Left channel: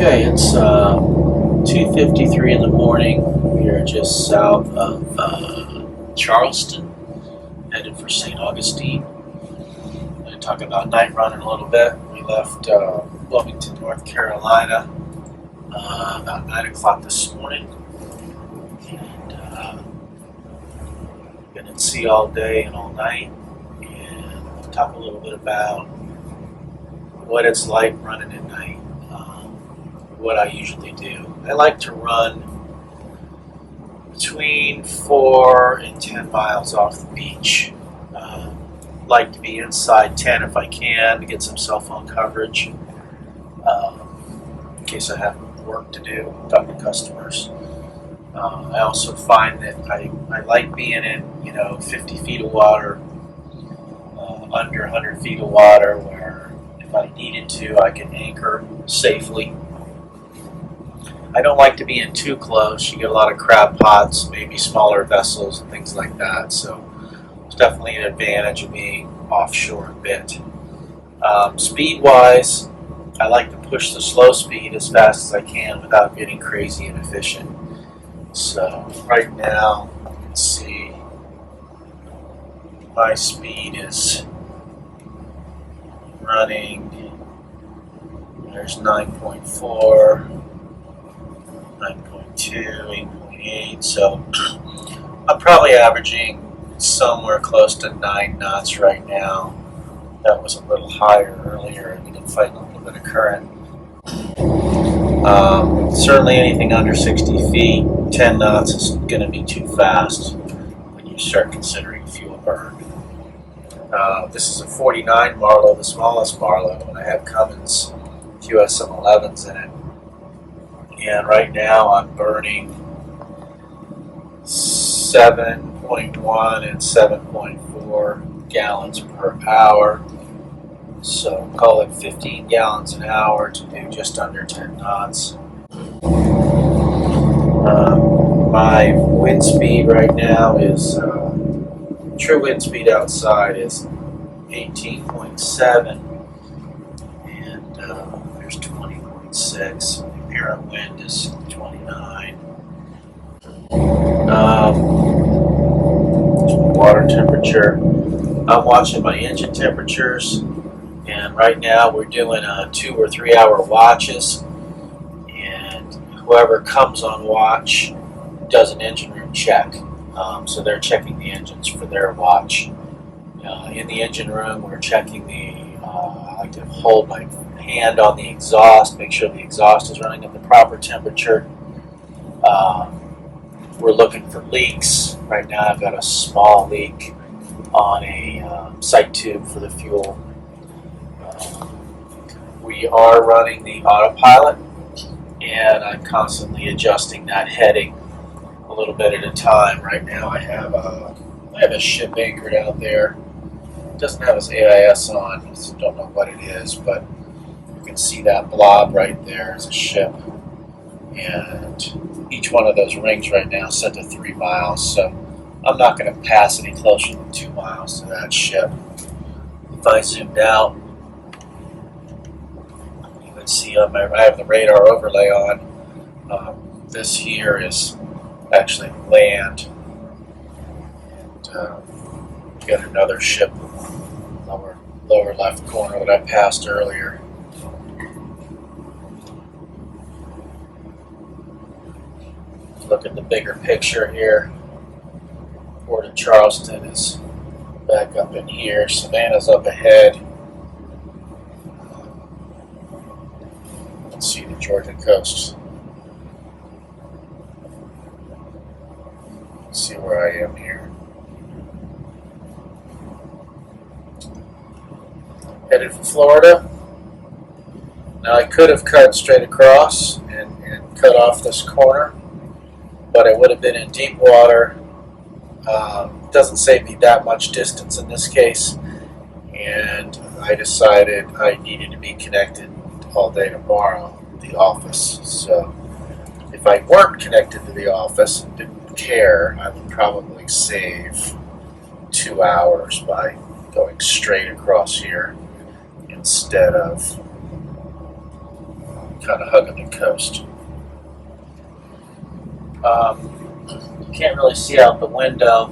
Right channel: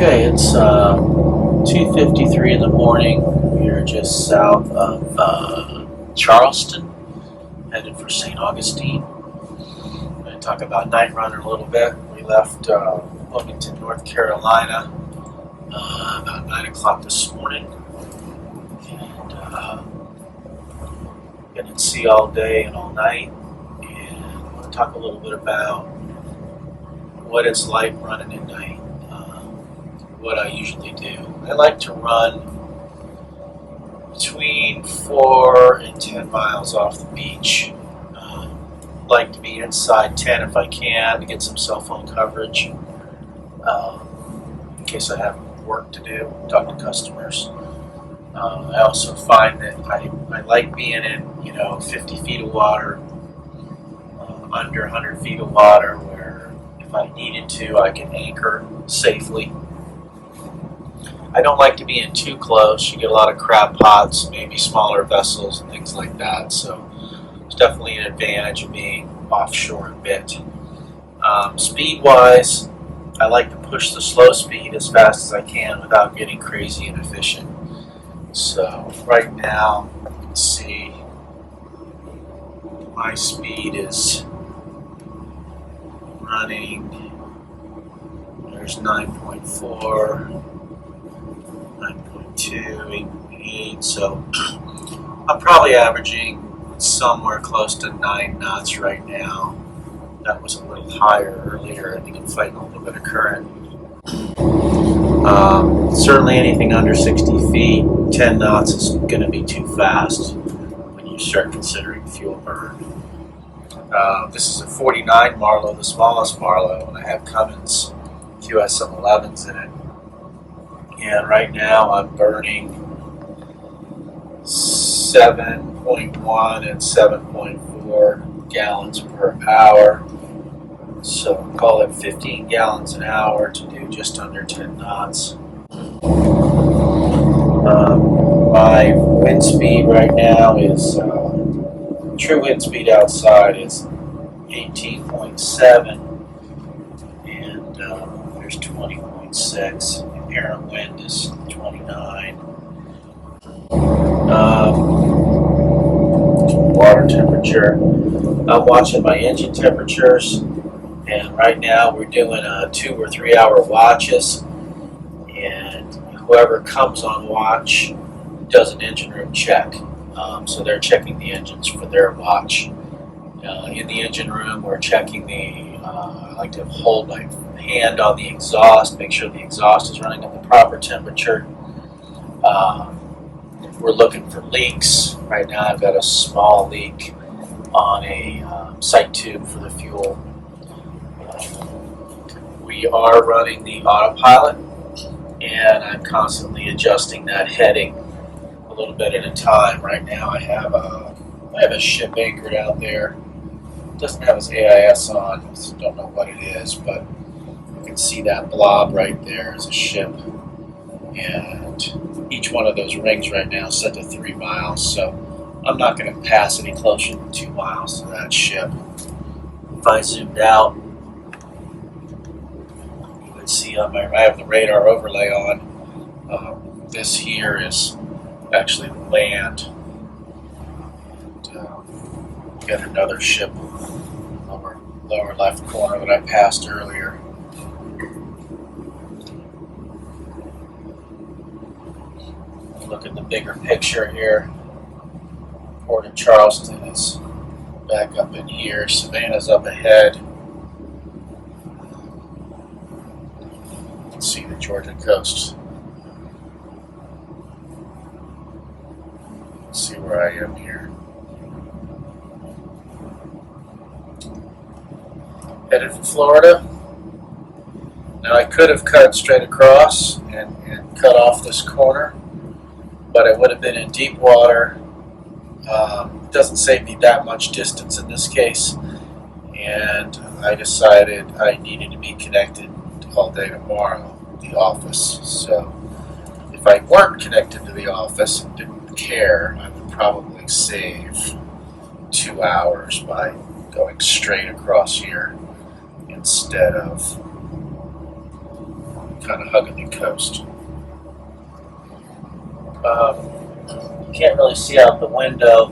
Okay, it's 2:53 in the morning. We are just south of Charleston, headed for St. Augustine. I'm going to talk about night running a little bit. We left Wilmington, North Carolina about 9 o'clock this morning. And been at sea all day and all night. And we'll talk a little bit about what it's like running at night. What I usually do. I like to run between 4 and 10 miles off the beach. Like to be inside 10 if I can to get some cell phone coverage in case I have work to do, talk to customers. I also find that I like being in 50 feet of water, under 100 feet of water, where if I needed to I can anchor safely. I don't like to be in too close. You get a lot of crab pots, maybe smaller vessels and things like that. So it's definitely an advantage of being offshore a bit. Speed-wise, I like to push the slow speed as fast as I can without getting crazy inefficient. So right now, you can see my speed is running. There's 9.4. 9.2, 8.8, so I'm probably averaging somewhere close to 9 knots right now. That was a little higher earlier. I think I'm fighting a little bit of current. Certainly anything under 60 feet, 10 knots is going to be too fast when you start considering fuel burn. This is a 49 Marlow, the smallest Marlow, and I have Cummins QSM11s in it. And right now I'm burning 7.1 and 7.4 gallons per hour. So call it 15 gallons an hour to do just under 10 knots. My wind speed right now is, true wind speed outside is 18.7, and there's 20.6. Apparent wind is 29. Water temperature. I'm watching my engine temperatures, and right now we're doing 2 or 3 hour watches, and whoever comes on watch does an engine room check. So they're checking the engines for their watch. In the engine room, we're checking I like to hold my hand on the exhaust, make sure the exhaust is running at the proper temperature. We're looking for leaks. Right now I've got a small leak on a sight tube for the fuel. We are running the autopilot, and I'm constantly adjusting that heading a little bit at a time. Right now I have a ship anchored out there. It doesn't have its AIS on, so don't know what it is, but you can see that blob right there is a ship, and each one of those rings right now is set to 3 miles, so I'm not going to pass any closer than 2 miles to that ship. If I zoomed out, you would see I have the radar overlay on. This here is actually land, and got another ship lower left corner that I passed earlier. Look at the bigger picture here. Port of Charleston is back up in here. Savannah's up ahead. You can see the Georgia coast. Let's see where I am here. Headed for Florida. Now I could have cut straight across and cut off this corner, but it would have been in deep water. Doesn't save me that much distance in this case, and I decided I needed to be connected all day tomorrow at the office. So if I weren't connected to the office and didn't care, I would probably save 2 hours by going straight across here instead of kind of hugging the coast. You can't really see out the window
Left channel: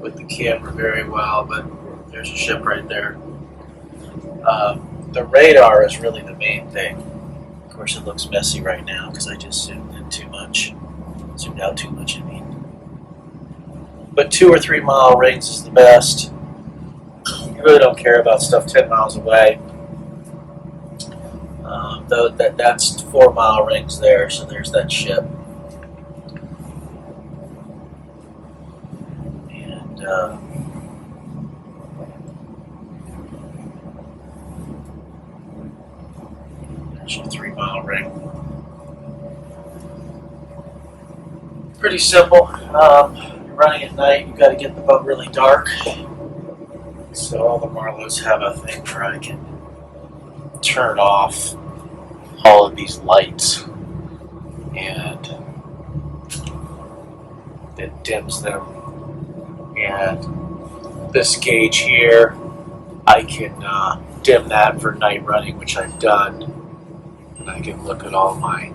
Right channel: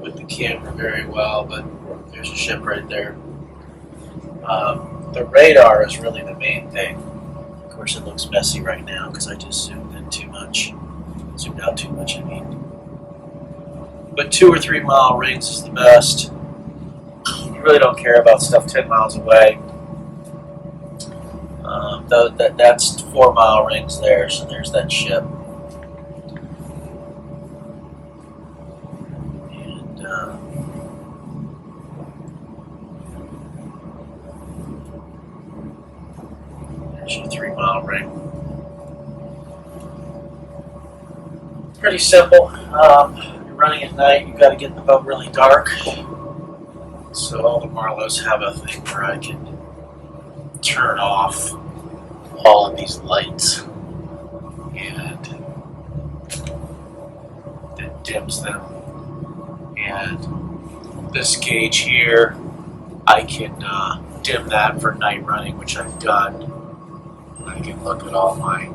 with the camera very well, but there's a ship right there. The radar is really the main thing. Of course, it looks messy right now because I just zoomed out too much. I mean, but 2 or 3 mile rings is the best. You really don't care about stuff 10 miles away. Though that's 4 mile rings there, so there's that ship. And there's your 3 mile ring. Pretty simple. You're running at night, you've got to get the boat really dark. So all the Marlows have a thing where I can turn off all of these lights, and it dims them. And this gauge here, I can dim that for night running, which I've done. And I can look at all my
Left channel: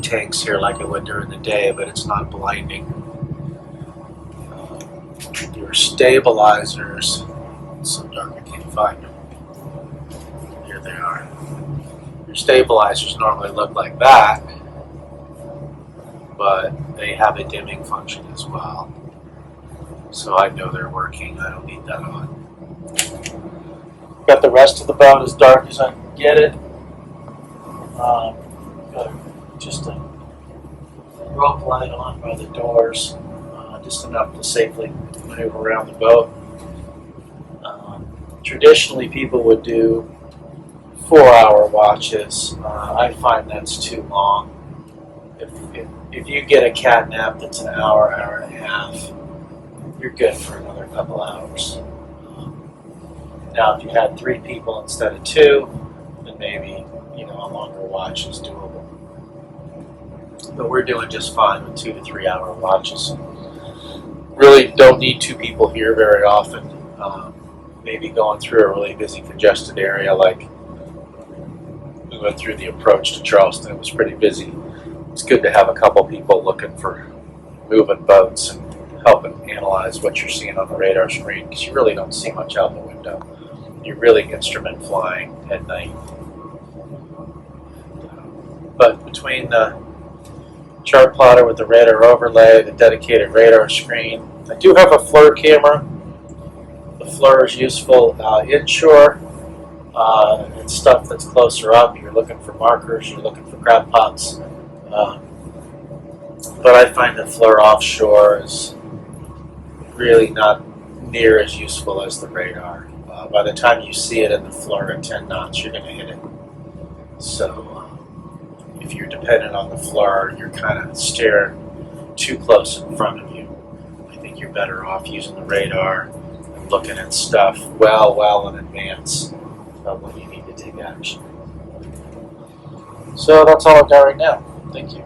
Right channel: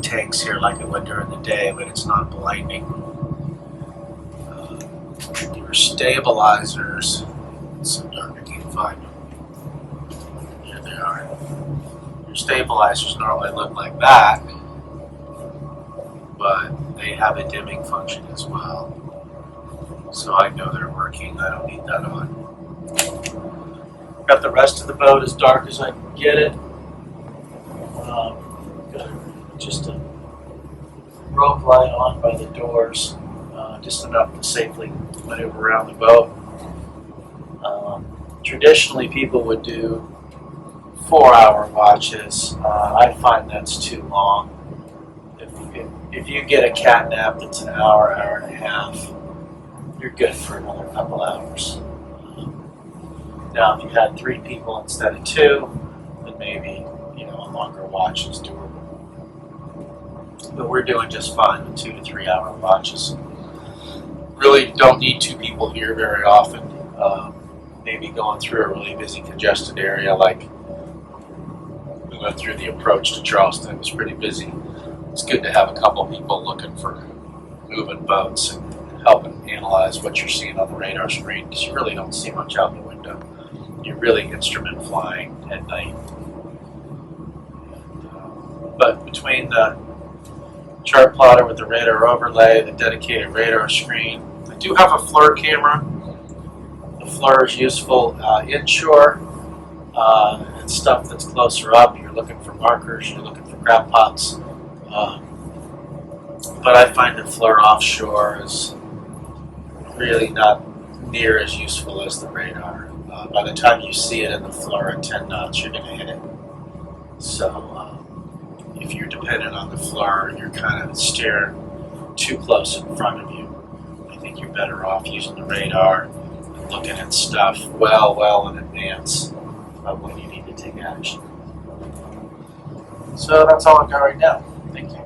tanks here like I would during the day, but it's not blinding. Your stabilizers, it's so dark I can't find them. Here they are. Your stabilizers normally look like that, but they have a dimming function as well. So I know they're working. I don't need that on. Got the rest of the boat as dark as I can get it. Got just a rope light on by the doors, just enough to safely maneuver around the boat. Traditionally, people would do 4-hour watches. I find that's too long. If you get a cat nap that's an hour, hour and a half, you're good for another couple hours. Now, if you had 3 people instead of 2, then maybe a longer watch is doable. But we're doing just fine with 2 to 3 hour watches. Really don't need 2 people here very often. Maybe going through a really busy, congested area, like we went through the approach to Charleston. It was pretty busy. It's good to have a couple people looking for moving boats and helping analyze what you're seeing on the radar screen, because you really don't see much out the window. You're really instrument flying at night. But between the chart plotter with the radar overlay, the dedicated radar screen, I do have a FLIR camera. The FLIR is useful inshore. It's stuff that's closer up. You're looking for markers, you're looking for crab pots. But I find the FLIR offshore is really not near as useful as the radar. By the time you see it in the FLIR at 10 knots, you're going to hit it. So if you're dependent on the FLIR, you're kind of staring too close in front of you. I think you're better off using the radar and looking at stuff well in advance of when you need to take action. So that's all I've got right now. Thank you.